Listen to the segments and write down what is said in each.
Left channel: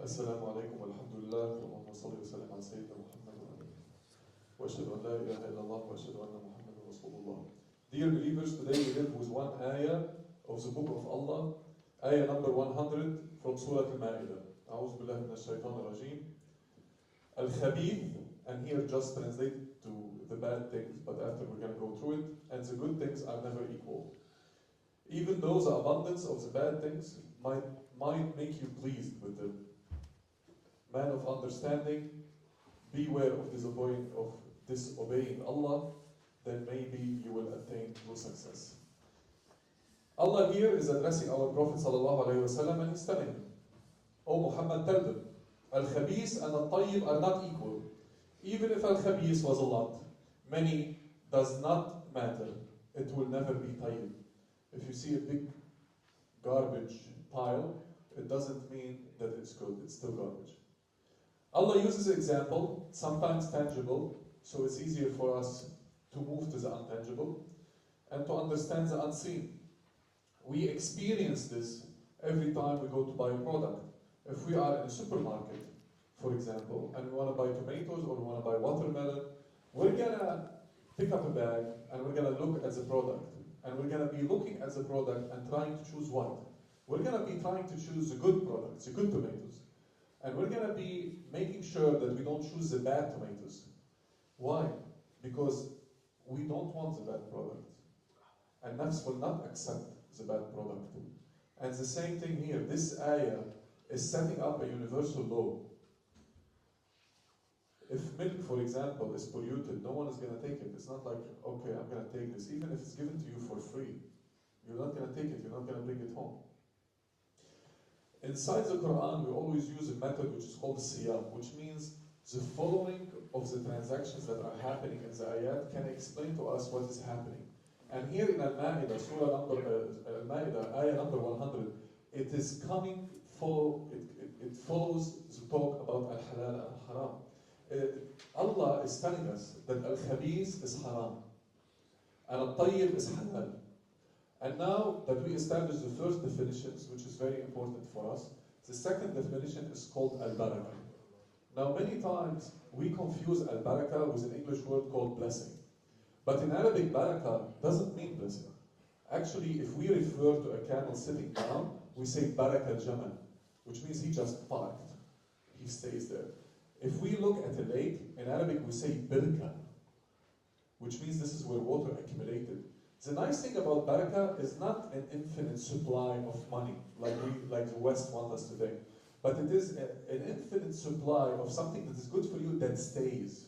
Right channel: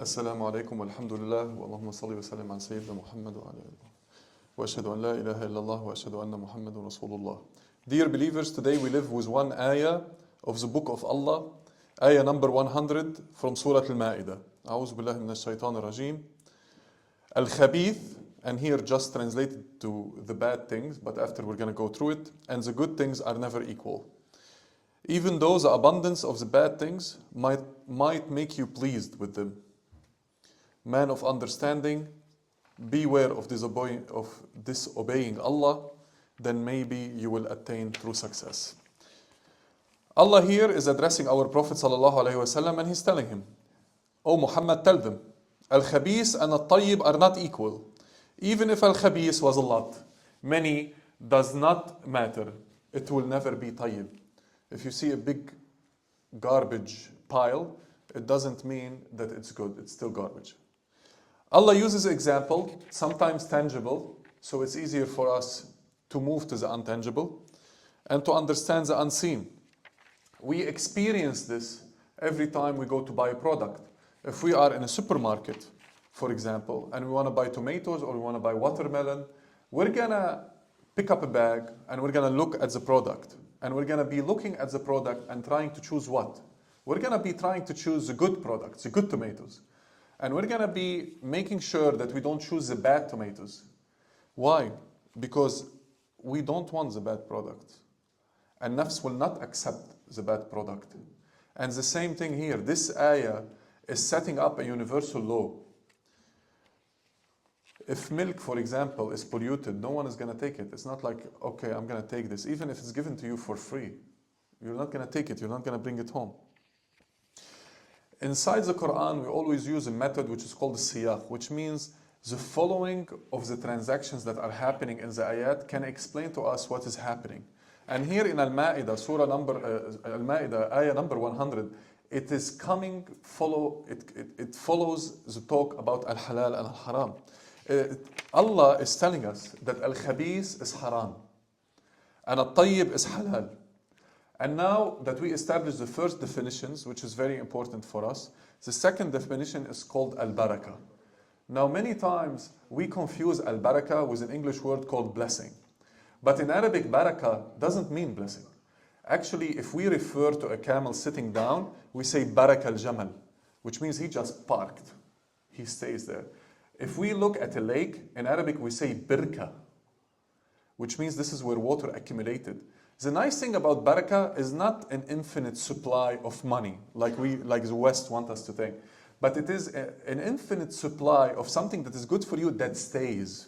السلام عليكم والحمد لله واللهم صل وسلم على سيدنا محمد وعلى آله وأشهد أن لا إله إلا الله وأشهد أن محمد رسول الله. Dear believers, today we live with one ayah of the book of Allah, ayah number 100 from Surah Al-Ma'idah. أعوذ بالله من الشيطان الرجيم. Al-Khabith, and here just translated to the bad things, but after we're going to go through it, and the good things are never equal. Even though the abundance of the bad things might make you pleased with them. Man of understanding, beware of disobeying Allah, then maybe you will attain true success. Allah here is addressing our Prophet ﷺ and he's telling him, O Muhammad, tell them, Al-Khabith and Al-Tayyib are not equal. Even if Al-Khabith was a lot, many does not matter. It will never be Tayyib. If you see a big garbage pile, it doesn't mean that it's good, it's still garbage. Allah uses an example, sometimes tangible, so it's easier for us to move to the untangible and to understand the unseen. We experience this every time we go to buy a product. If we are in a supermarket, for example, and we want to buy tomatoes or we want to buy watermelon, we're gonna pick up a bag and we're gonna look at the product. And we're gonna be looking at the product and trying to choose what? We're gonna be trying to choose the good products, the good tomatoes. And we're gonna be making sure that we don't choose the bad tomatoes. Why? Because we don't want the bad product. And nafs will not accept the bad product. And the same thing here. This ayah is setting up a universal law. If milk, for example, is polluted, no one is going to take it. It's not like, okay, I'm going to take this. Even if it's given to you for free, you're not going to take it. You're not going to bring it home. Inside the Quran, we always use a method which is called siyaq, which means the following of the transactions that are happening in the ayat can explain to us what is happening. And here in Al-Ma'idah, Surah number Al-Ma'idah, ayah number 100, it is coming, it follows the talk about Al-Halal and Al-Haram. Allah is telling us that Al-Khabith is haram and Al-Tayyib is halal. And now that we established the first definitions, which is very important for us, the second definition is called Al-Barakah. Now many times we confuse Al-Barakah with an English word called blessing. But in Arabic, Barakah doesn't mean blessing. Actually, if we refer to a camel sitting down, we say Barak al-Jamal, which means he just parked. He stays there. If we look at a lake, in Arabic we say birka, which means this is where water accumulated. The nice thing about barakah is not an infinite supply of money, like the West want us to think, but it is an infinite supply of something that is good for you that stays.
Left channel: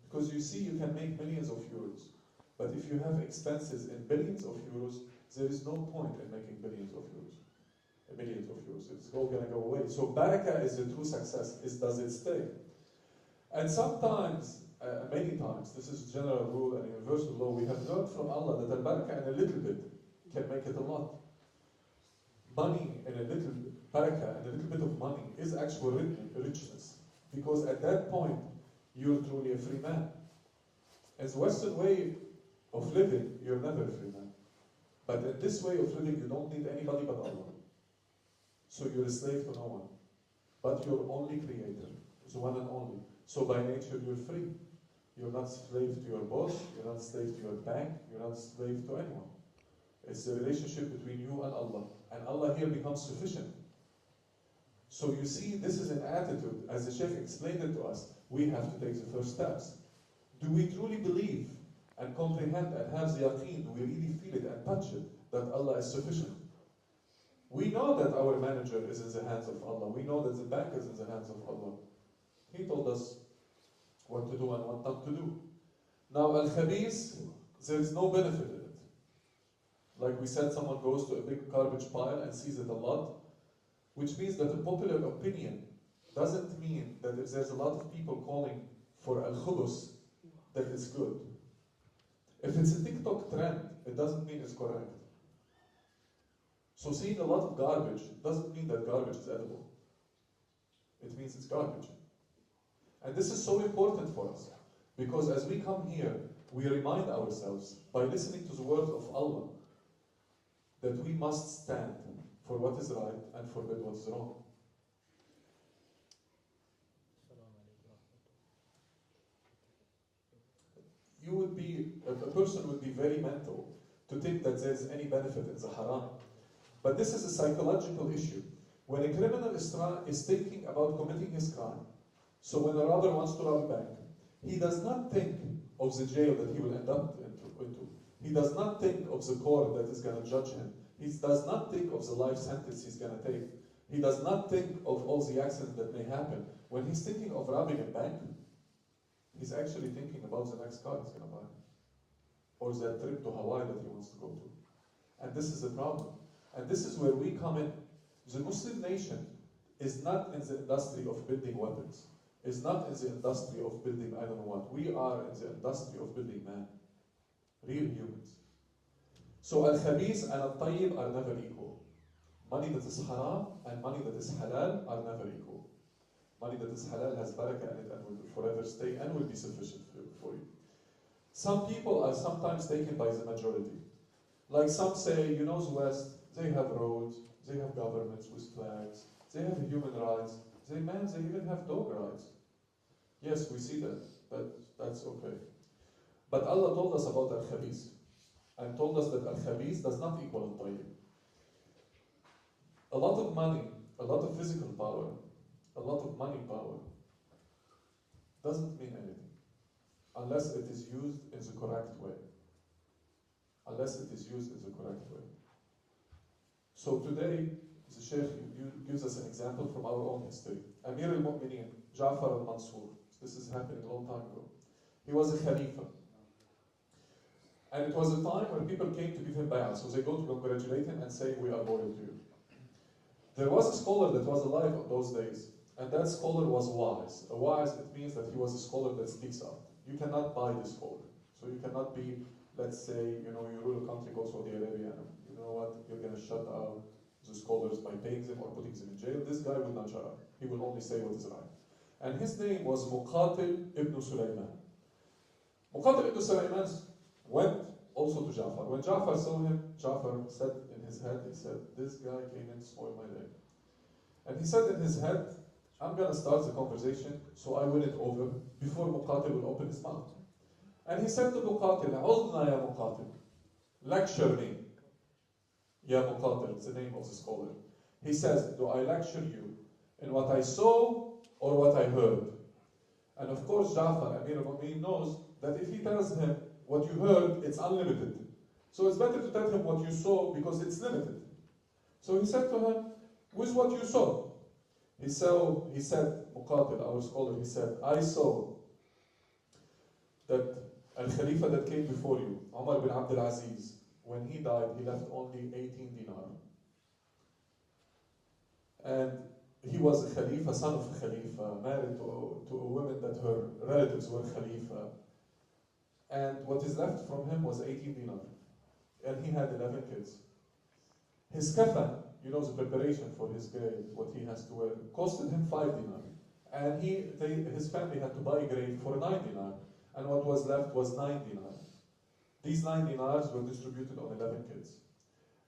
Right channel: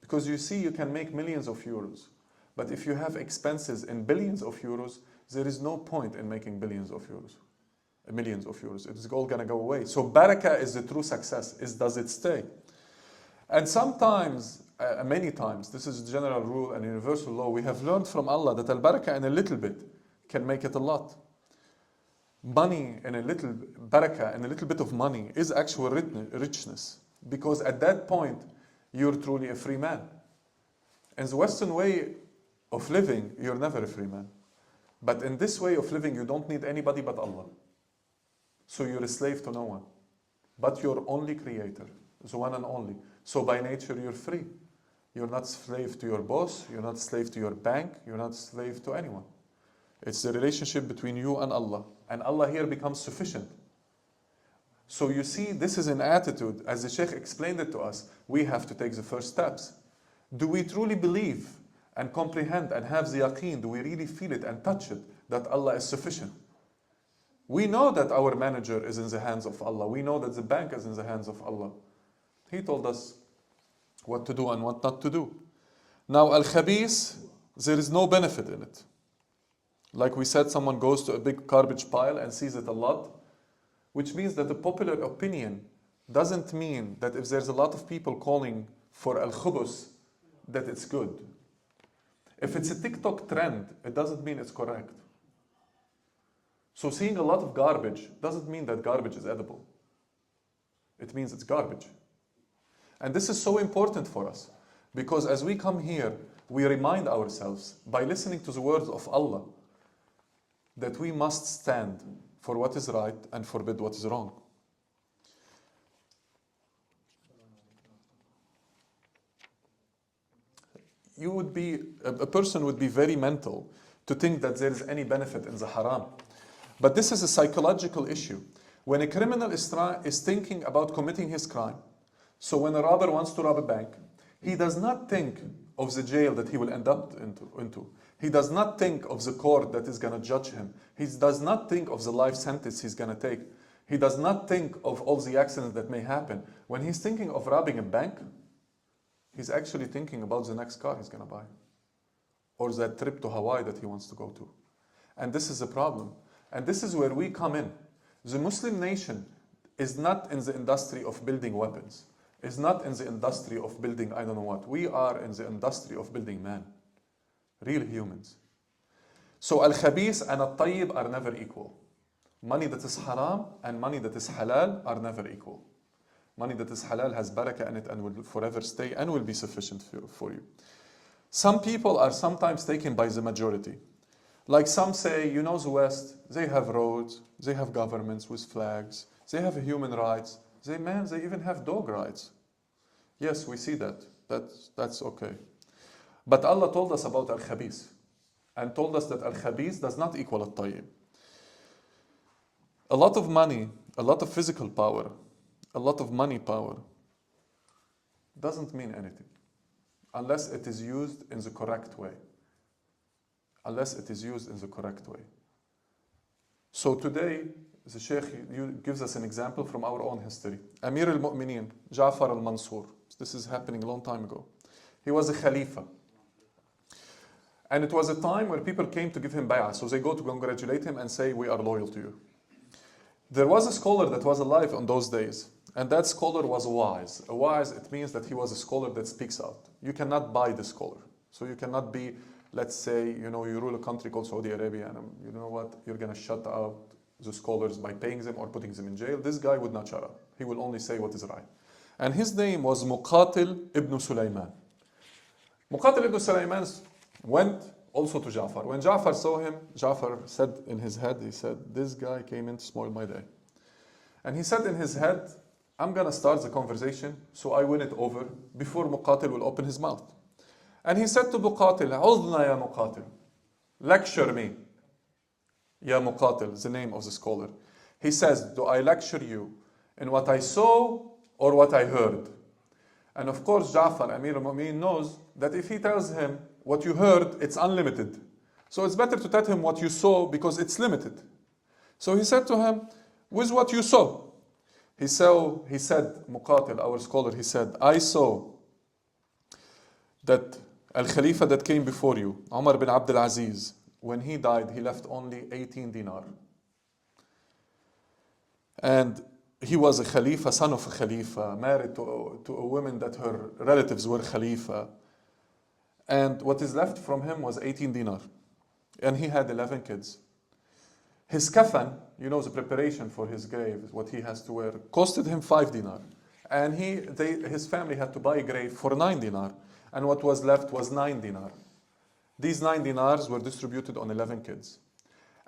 Because you see, you can make millions of euros, but if you have expenses in billions of euros, there is no point in making billions of euros, millions of euros. It's all gonna go away. So barakah is the true success, does it stay? And sometimes, many times, this is a general rule and universal law, we have learned from Allah that al-barakah in a little bit can make it a lot. Money in a little, barakah in a little bit of money is actual richness. Because at that point, you're truly a free man. In the Western way of living, you're never a free man. But in this way of living, you don't need anybody but Allah. So you're a slave to no one. But your only creator, the one and only. So by nature, you're free. You're not slave to your boss. You're not slave to your bank. You're not slave to anyone. It's the relationship between you and Allah. And Allah here becomes sufficient. So you see, this is an attitude. As the Sheikh explained it to us, we have to take the first steps. Do we truly believe and comprehend and have the yaqeen? Do we really feel it and touch it that Allah is sufficient? We know that our manager is in the hands of Allah. We know that the bank is in the hands of Allah. He told us what to do and what not to do. Now, Al-Khabith, there is no benefit in it. Like we said, someone goes to a big garbage pile and sees it a lot, which means that the popular opinion doesn't mean that if there's a lot of people calling for Al-Khubus, that it's good. If it's a TikTok trend, it doesn't mean it's correct. So seeing a lot of garbage doesn't mean that garbage is edible. It means it's garbage. And this is so important for us, because as we come here, we remind ourselves by listening to the words of Allah that we must stand for what is right and forbid what is wrong. a person would be very mental to think that there is any benefit in the haram. But this is a psychological issue. When a criminal is thinking about committing his crime, so when a robber wants to rob a bank, he does not think of the jail that he will end up into. He does not think of the court that is going to judge him. He does not think of the life sentence he's going to take. He does not think of all the accidents that may happen. When he's thinking of robbing a bank, he's actually thinking about the next car he's going to buy, or that trip to Hawaii that he wants to go to. And this is a problem. And this is where we come in. The Muslim nation is not in the industry of building weapons, is not in the industry of building I don't know what. We are in the industry of building man, real humans. So al-khabith and al-tayyib are never equal. Money that is haram and money that is halal are never equal. Money that is halal has barakah in it and will forever stay and will be sufficient for you. Some people are sometimes taken by the majority. Like some say, you know, the West, they have roads, they have governments with flags, they have human rights, they even have dog rights. Yes, we see that. That's okay. But Allah told us about al-khabith and told us that al-khabith does not equal al-tayyib. A lot of money, a lot of physical power, a lot of money power doesn't mean anything unless it is used in the correct way. Unless it is used in the correct way. So today, the Sheikh gives us an example from our own history. Amir al-Mu'mineen, Ja'far al-Mansur. This is happening a long time ago. He was a Khalifa. And it was a time where people came to give him bay'ah. So they go to congratulate him and say, we are loyal to you. There was a scholar that was alive on those days. And that scholar was wise. A wise, it means that he was a scholar that speaks out. You cannot buy the scholar. So you cannot be, let's say, you rule a country called Saudi Arabia, and you know what, you're going to shut out the scholars by paying them or putting them in jail. This guy would not shut up. He will only say what is right. And his name was Muqatil ibn Sulaiman. Muqatil ibn Sulaiman went also to Ja'far. When Ja'far saw him, Ja'far said in his head, he said, this guy came in to spoil my day. And he said in his head, I'm going to start the conversation so I win it over before Muqatil will open his mouth. And he said to Muqatil, Udna ya Muqatil, lecture me. Ya Muqatil, the name of the scholar. He says, do I lecture you in what I saw or what I heard? And of course, Ja'far, Amir al-Mu'mineen, knows that if he tells him what you heard, it's unlimited. So it's better to tell him what you saw because it's limited. So he said to him, with what you saw. He said, Muqatil, our scholar, he said, I saw that Al-Khalifa that came before you, Umar bin Abdul Aziz, when he died, he left only 18 dinar. And he was a Khalifa, son of a Khalifa, married to a woman that her relatives were Khalifa. And what is left from him was 18 dinar. And he had 11 kids. His kafan, the preparation for his grave, what he has to wear, costed him 5 dinar. And his family had to buy a grave for 9 dinar. And what was left was 9 dinar. These 9 dinars were distributed on 11 kids.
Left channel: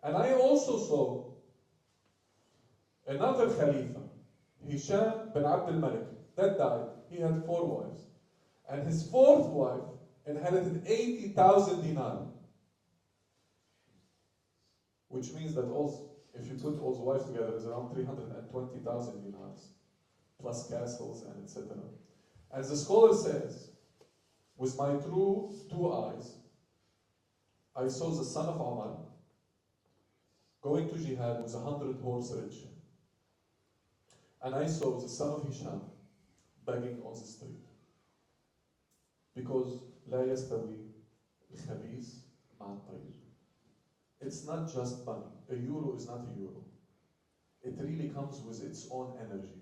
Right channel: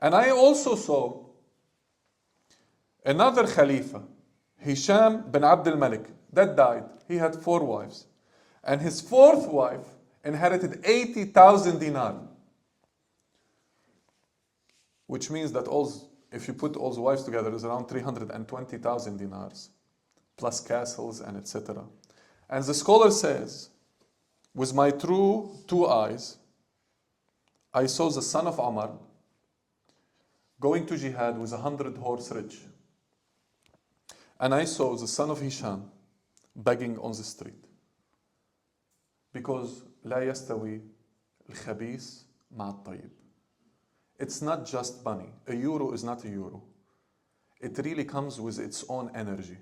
And I also saw another Khalifa, Hisham bin Abdul Malik, that died. He had 4 wives. And his 4th wife inherited 80,000 dinar. Which means that if you put all the wives together, it's around 320,000 dinars, plus castles and etc. And the scholar says, with my true 2 eyes, I saw the son of Umar going to jihad with 100 horse rich. And I saw the son of Hisham begging on the street. Because لا يستوي الخبيث مع الطيب. It's not just money. A euro is not a euro. It really comes with its own energy.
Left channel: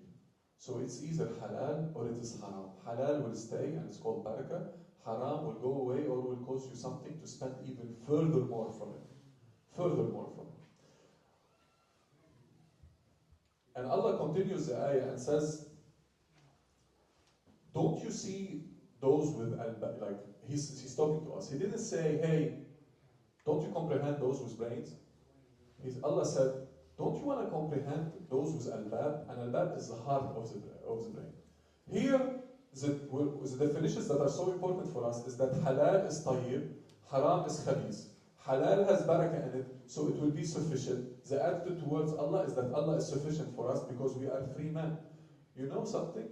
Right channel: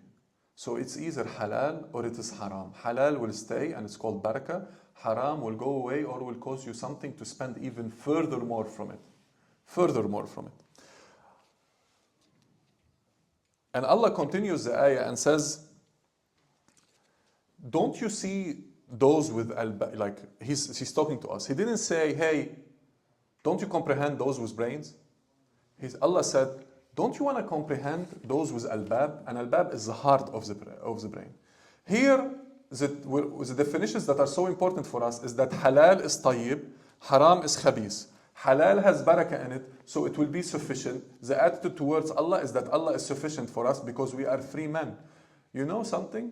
So it's either halal or it is haram. Halal will stay and it's called barakah. Haram will go away or will cause you something to spend even furthermore from it. Furthermore from it. And Allah continues the ayah and says, don't you see those with like he's talking to us. He didn't say, hey, don't you comprehend those with brains? Allah said, don't you want to comprehend those with albab? And albab is the heart of the brain. Here, the definitions that are so important for us is that halal is tayyib, haram is khabis. Halal has barakah in it, so it will be sufficient. The attitude towards Allah is that Allah is sufficient for us because we are free men. You know something?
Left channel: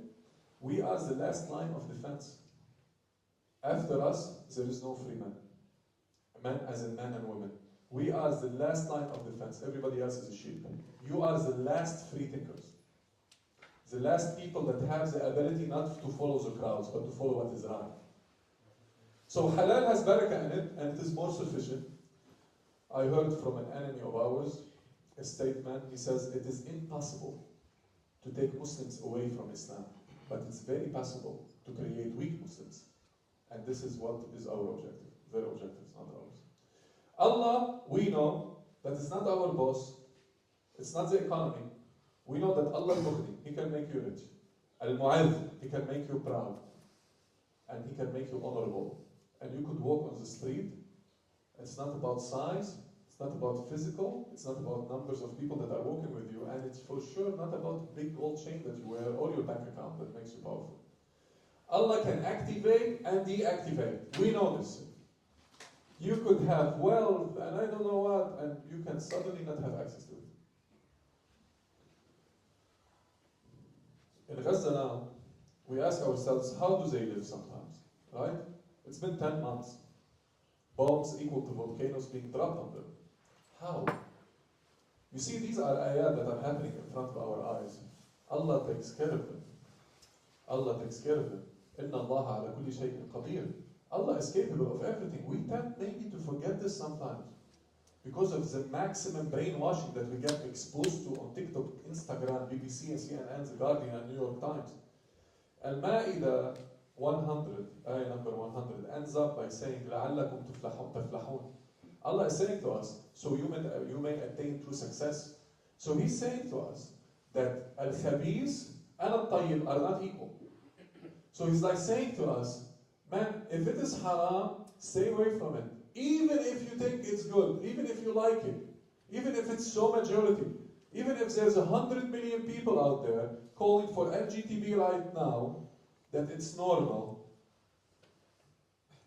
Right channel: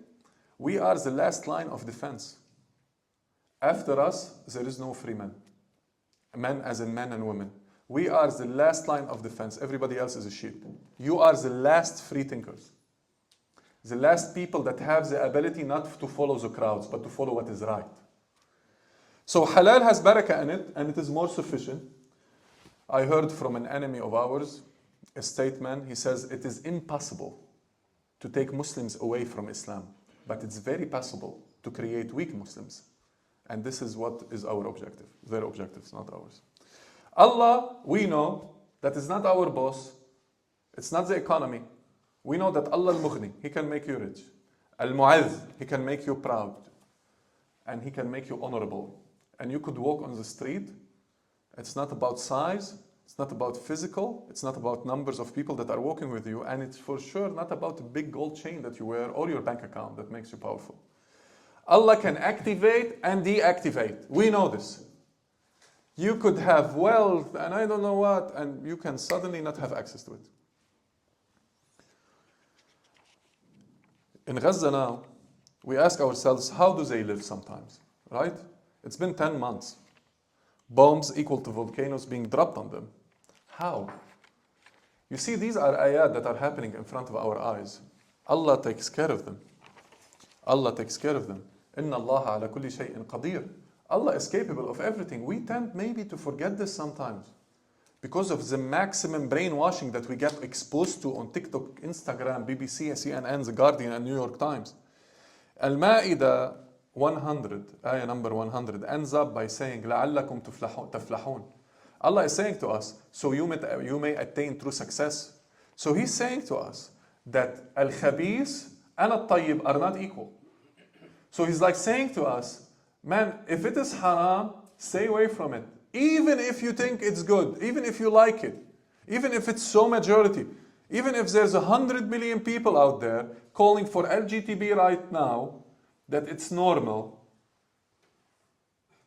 We are the last line of defense. After us, there is no free men. Men as in men and women. We are the last line of defense. Everybody else is a sheep. You are the last free thinkers. The last people that have the ability not to follow the crowds, but to follow what is right. So halal has barakah in it, and it is more sufficient. I heard from an enemy of ours, a statement, he says, it is impossible to take Muslims away from Islam, but it's very possible to create weak Muslims. And this is what is our objective. Their objectives, not ours. Allah, we know that is not our boss. It's not the economy. We know that Allah al-Mughni, He can make you rich. Al-Mu'adh, He can make you proud. And He can make you honorable. And you could walk on the street. It's not about size. It's not about physical. It's not about numbers of people that are walking with you. And it's for sure not about a big gold chain that you wear or your bank account that makes you powerful. Allah can activate and deactivate. We know this. You could have wealth and I don't know what, and you can suddenly not have access to it. In Gaza now, we ask ourselves, how do they live sometimes, right? It's been 10 months. Bombs equal to volcanoes being dropped on them. How? You see, these are ayat that are happening in front of our eyes. Allah takes care of them. Allah takes care of them. Inna Allah ala kulli shay'in qadir. Allah is capable of everything. We tend maybe to forget this sometimes because of the maximum brainwashing that we get exposed to on TikTok, Instagram, BBC, CNN, The Guardian, and New York Times. Al-Ma'idah 100, ayah number 100, ends up by saying, لَعَلَّكُمْ تَفْلَحُونَ. Allah is saying to us, so you may attain true success. So He's saying to us that al-khabis and al-tayyib are not equal. So He's like saying to us, man, if it is haram, stay away from it. Even if you think it's good, even if you like it, even if it's so majority, even if there's 100 million people out there calling for LGBT right now, that it's normal,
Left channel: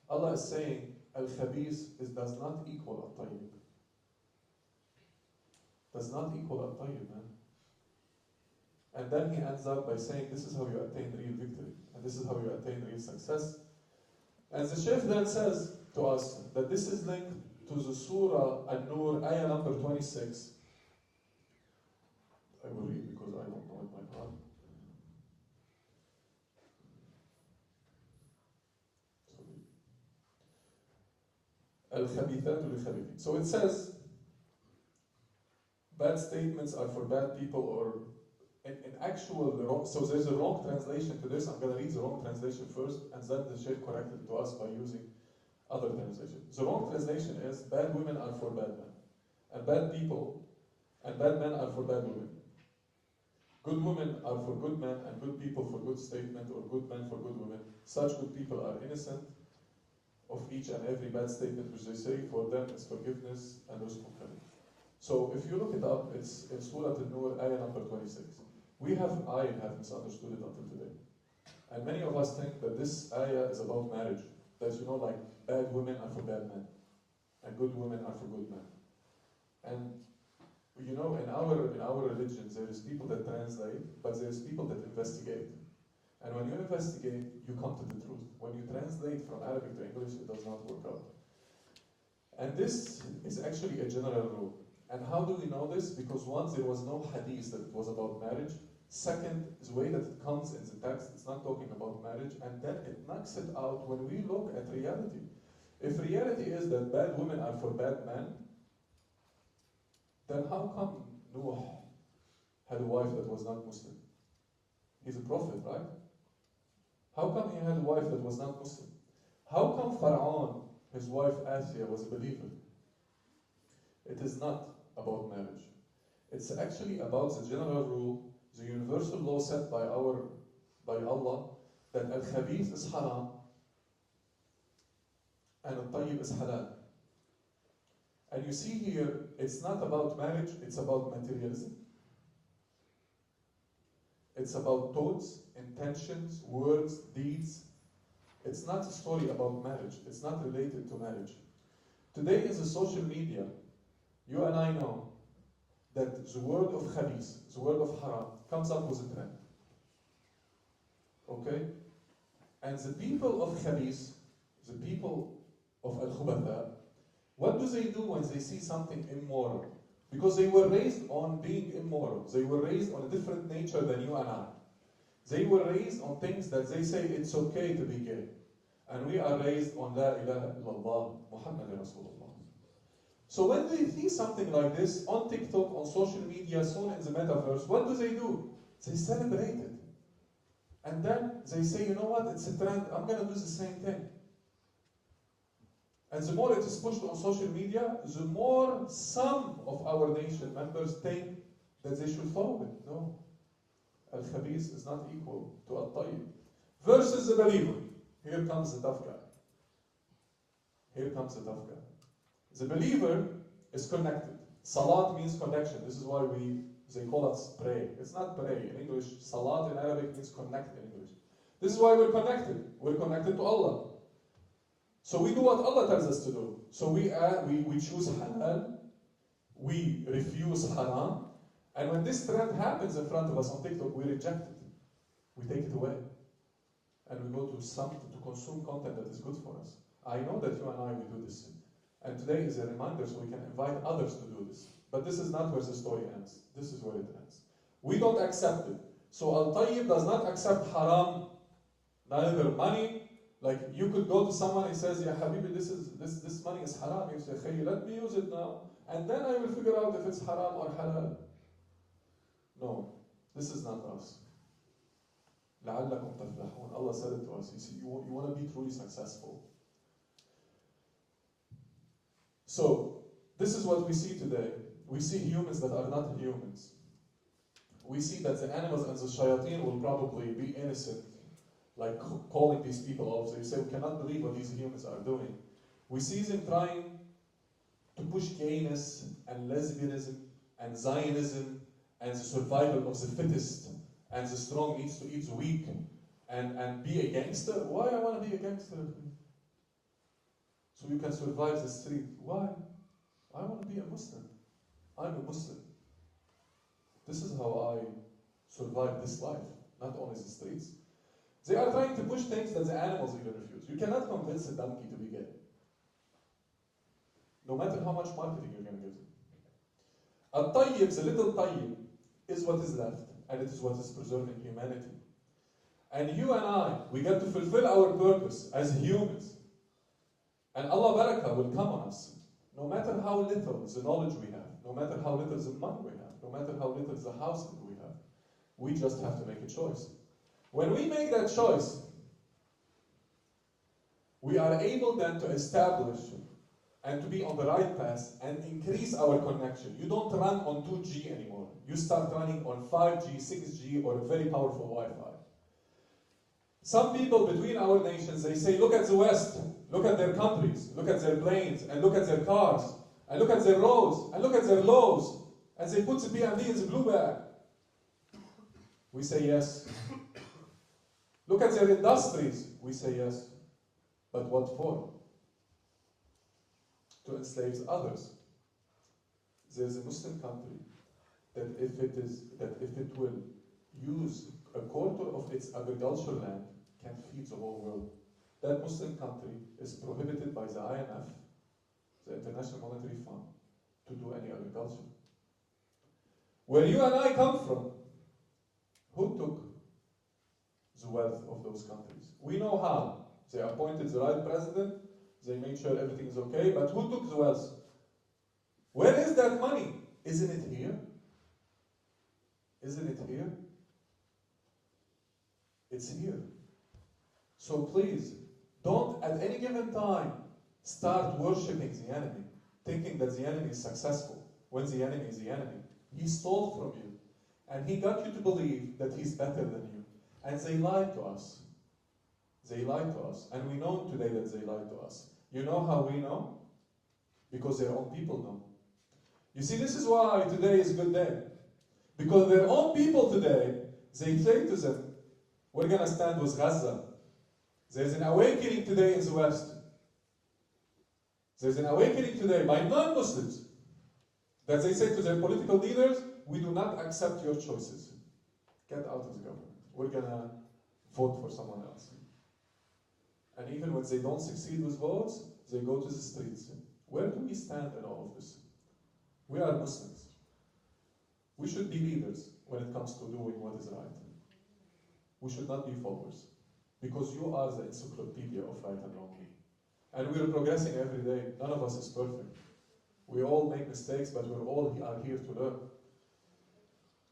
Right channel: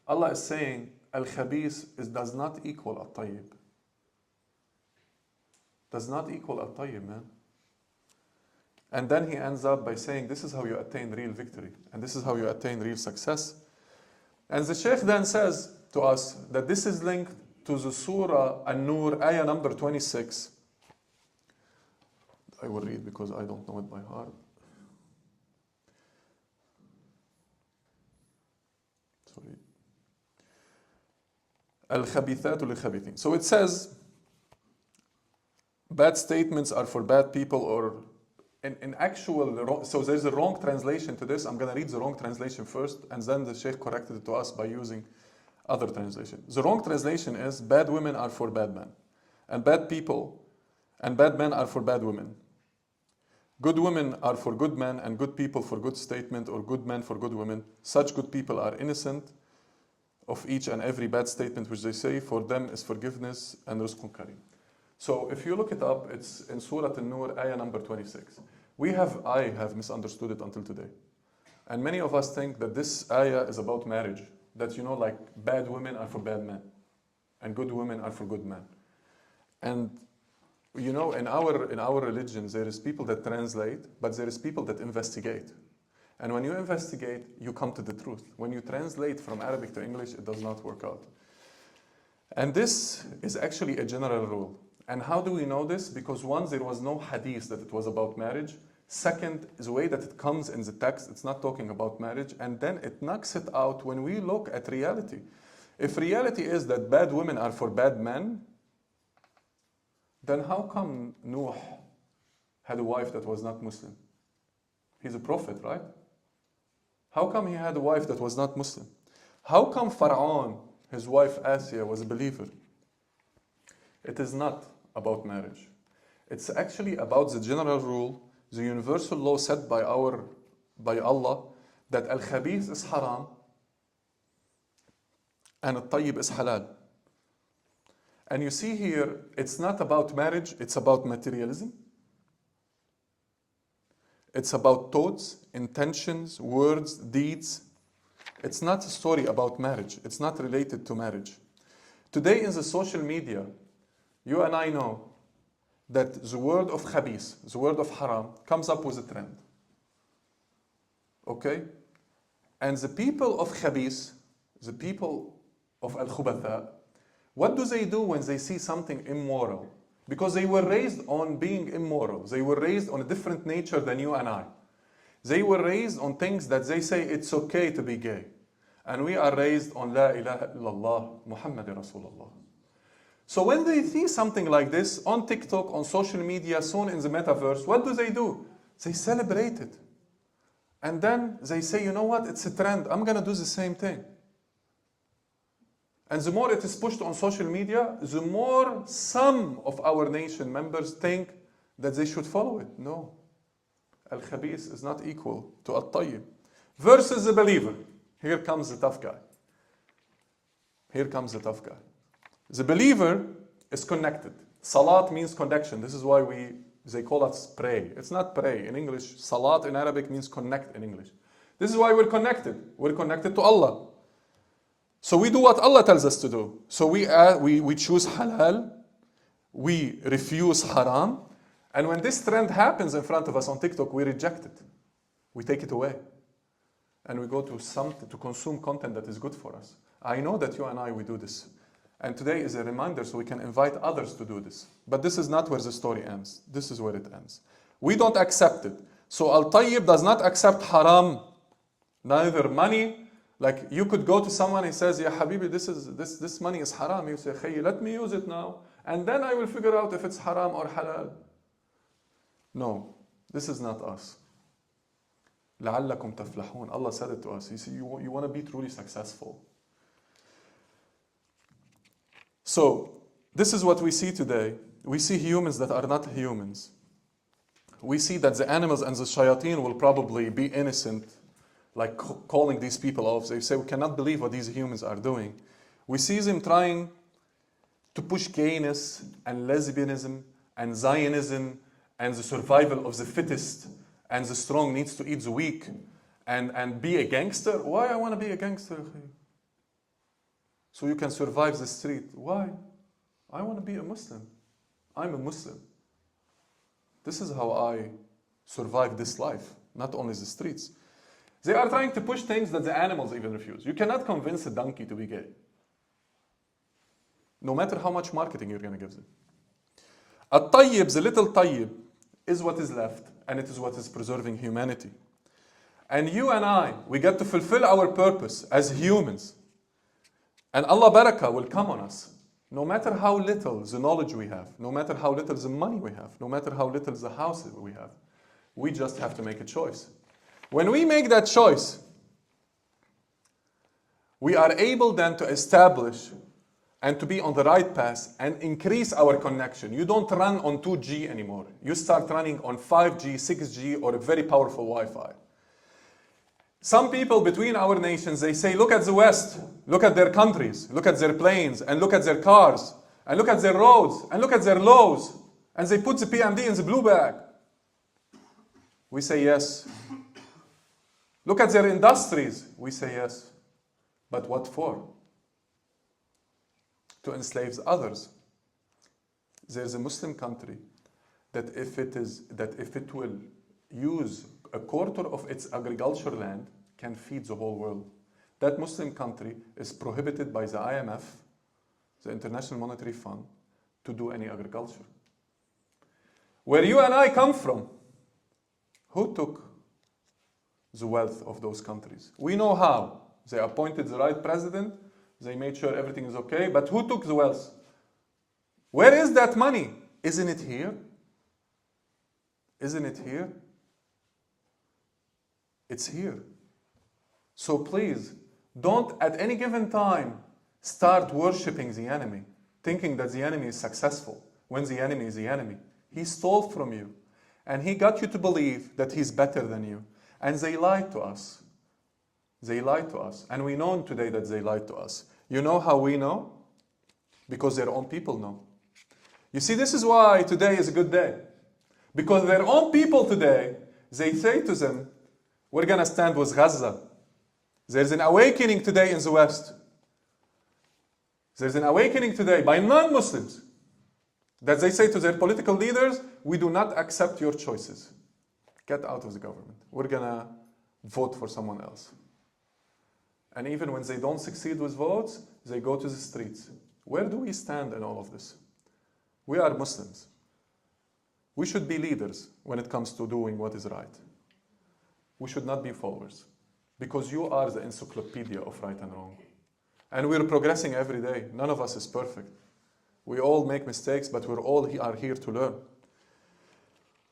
Allah is saying, al-khabis does not equal al-tayyib. Does not equal al-tayyib, man. And then He ends up by saying, this is how you attain real victory. And this is how you attain real success. And the Sheikh then says to us that this is linked to the Surah An-Nur, ayah number 26. I will read because I don't know it by heart. Sorry. Al-Khabithatu li-Khabithin. So it says, bad statements are for bad people, or in actual, so there's a wrong translation to this. I'm going to read the wrong translation first, and then the Sheikh corrected it to us by using other translation. The wrong translation is, bad women are for bad men, and bad people, and bad men are for bad women. Good women are for good men, and good people for good statement, or good men for good women. Such good people are innocent of each and every bad statement which they say. For them is forgiveness and rizqun kareem. So if you look it up, it's in Surah An-Nur, ayah number 26. I have misunderstood it until today. And many of us think that this ayah is about marriage. That, you know, like bad women are for bad men, and good women are for good men. And, you know, in our religion, there is people that translate, but there is people that investigate. And when you investigate, you come to the truth. When you translate from Arabic to English, it does not work out. And this is actually a general rule. And how do we know this? Because one, there was no hadith that it was about marriage. Second, is the way that it comes in the text, it's not talking about marriage. And then it knocks it out when we look at reality. If reality is that bad women are for bad men, then how come Noah had a wife that was not Muslim? He's a prophet, right? How come he had a wife that was not Muslim? How come Pharaoh, his wife Asiya, was a believer? It is not about marriage. It's actually about the general rule, the universal law set by Allah, that al-khabith is haram and al-tayyib is halal. And you see here, it's not about marriage, it's about materialism. It's about thoughts, intentions, words, deeds. It's not a story about marriage. It's not related to marriage. Today in the social media, you and I know that the word of khabith, the word of haram, comes up with a trend. Okay? And the people of khabith, the people of al-khubatha, what do they do when they see something immoral? Because they were raised on being immoral. They were raised on a different nature than you and I. They were raised on things that they say it's okay to be gay. And we are raised on La ilaha illallah, Muhammad Rasulullah. So when they see something like this on TikTok, on social media, soon in the metaverse, what do? They celebrate it. And then they say, you know what, it's a trend, I'm going to do the same thing. And the more it is pushed on social media, the more some of our nation members think that they should follow it. No. Al-Khabith is not equal to Al-Tayyib. Versus the believer. Here comes the tough guy. Here comes the tough guy. The believer is connected. Salat means connection. This is why they call us pray. It's not pray in English. Salat in Arabic means connect in English. This is why we're connected. We're connected to Allah. So we do what Allah tells us to do. So we choose halal, we refuse haram, and when this trend happens in front of us on TikTok, we reject it. We take it away. And we go to consume content that is good for us. I know that you and I, we do this. And today is a reminder so we can invite others to do this. But this is not where the story ends. This is where it ends. We don't accept it. So Al-Tayyib does not accept haram, neither money. Like you could go to someone and says, Ya Habibi, this money is haram. You say, Khayi, let me use it now. And then I will figure out if it's haram or halal. No, this is not us. لَعَلَّكُمْ تَفْلَحُونَ. Allah said it to us. You want to be truly successful. So, this is what we see today. We see humans that are not humans. We see that the animals and the shayateen will probably be innocent, like calling these people off. They say, we cannot believe what these humans are doing. We see them trying to push gayness and lesbianism and Zionism and the survival of the fittest and the strong needs to eat the weak and be a gangster. Why I want to be a gangster? So you can survive the street. Why? I want to be a Muslim. I'm a Muslim. This is how I survive this life, not only the streets. They are trying to push things that the animals even refuse. You cannot convince a donkey to be gay. No matter how much marketing you're going to give them. At-Tayyib, the little Tayyib, is what is left, and it is what is preserving humanity. And you and I, we get to fulfill our purpose as humans. And Allah Barakah will come on us. No matter how little the knowledge we have, no matter how little the money we have, no matter how little the house we have, we just have to make a choice. When we make that choice, we are able then to establish and to be on the right path and increase our connection. You don't run on 2G anymore. You start running on 5G, 6G, or a very powerful Wi-Fi. Some people between our nations, they say, look at the West, look at their countries, look at their planes, and look at their cars, and look at their roads, and look at their laws, and they put the PMD in the blue bag. We say yes. Look at their industries. We say yes. But what for? To enslave others. There's a Muslim country that if it will use a quarter of its agricultural land, can feed the whole world. That Muslim country is prohibited by the IMF, the International Monetary Fund, to do any agriculture. Where you and I come from, who took the wealth of those countries? We know how. They appointed the right president, they made sure everything is okay, but who took the wealth? Where is that money? Isn't it here? Isn't it here? It's here. So please, don't at any given time start worshipping the enemy, thinking that the enemy is successful, when the enemy is the enemy. He stole from you, and he got you to believe that he's better than you. And they lied to us. They lied to us. And we know today that they lied to us. You know how we know? Because their own people know. You see, this is why today is a good day. Because their own people today, they say to them, we're going to stand with Gaza. There's an awakening today in the West. There's an awakening today by non-Muslims that they say to their political leaders, we do not accept your choices. Get out of the government. We're going to vote for someone else. And even when they don't succeed with votes, they go to the streets. Where do we stand in all of this? We are Muslims. We should be leaders when it comes to doing what is right. We should not be followers, because you are the encyclopedia of right and wrong. And we're progressing every day. None of us is perfect. We all make mistakes, but we're all are here to learn.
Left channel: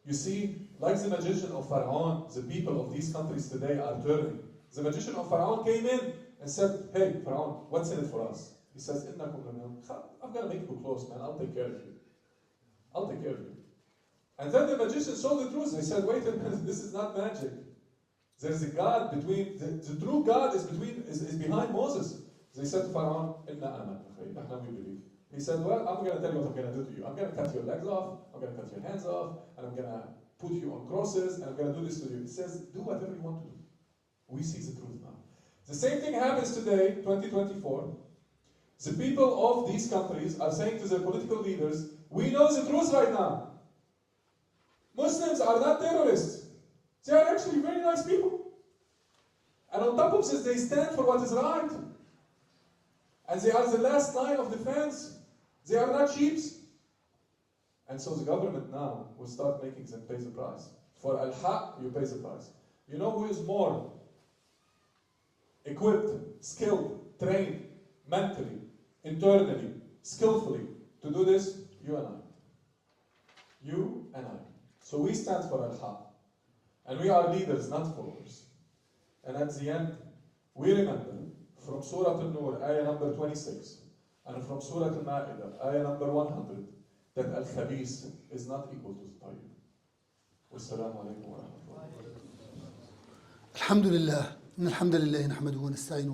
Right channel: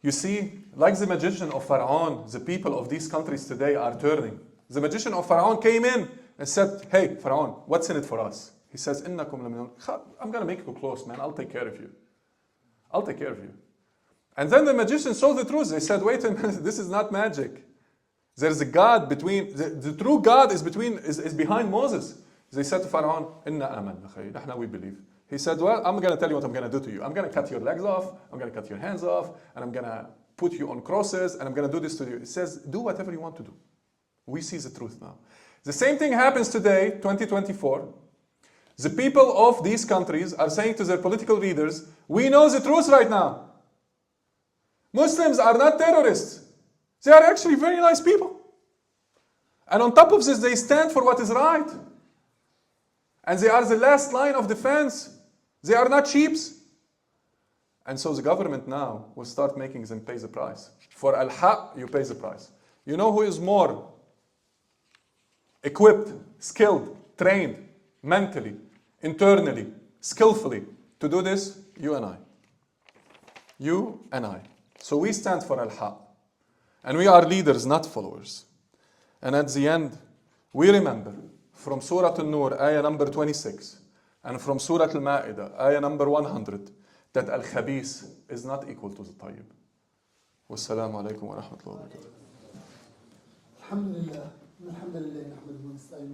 You see, like the magician of Pharaoh, the people of these countries today are turning. The magician of Pharaoh came in and said, hey, Pharaoh, what's in it for us? He says, I'm going to make you close, man. I'll take care of you. I'll take care of you. And then the magician saw the truth. They said, wait a minute, this is not magic. There's a God between, the true God is behind Moses. They said to Pharaoh, we believe. He said, well, I'm going to tell you what I'm going to do to you. I'm going to cut your legs off, I'm going to cut your hands off, and I'm going to put you on crosses, and I'm going to do this to you. It says, do whatever you want to do. We see the truth now. The same thing happens today, 2024. The people of these countries are saying to their political leaders, we know the truth right now. Muslims are not terrorists. They are actually very nice people. And on top of this, they stand for what is right. And they are the last line of defense. They are not sheeps. And so the government now will start making them pay the price. For al-haq, you pay the price. You know who is more equipped, skilled, trained, mentally, internally, skillfully to do this? You and I. You and I. So we stand for al-haq. And we are leaders, not followers. And at the end, we remember from Surah An-Nur, ayah number 26, and from Surah Al-Ma'idah, ayah number 100, that al-khabith is not equal to the tayyib. Wassalamu alaikum wa rahmatullahi wa barakatuh. الحمد لله إن الحمد لله نحمده ونستعينه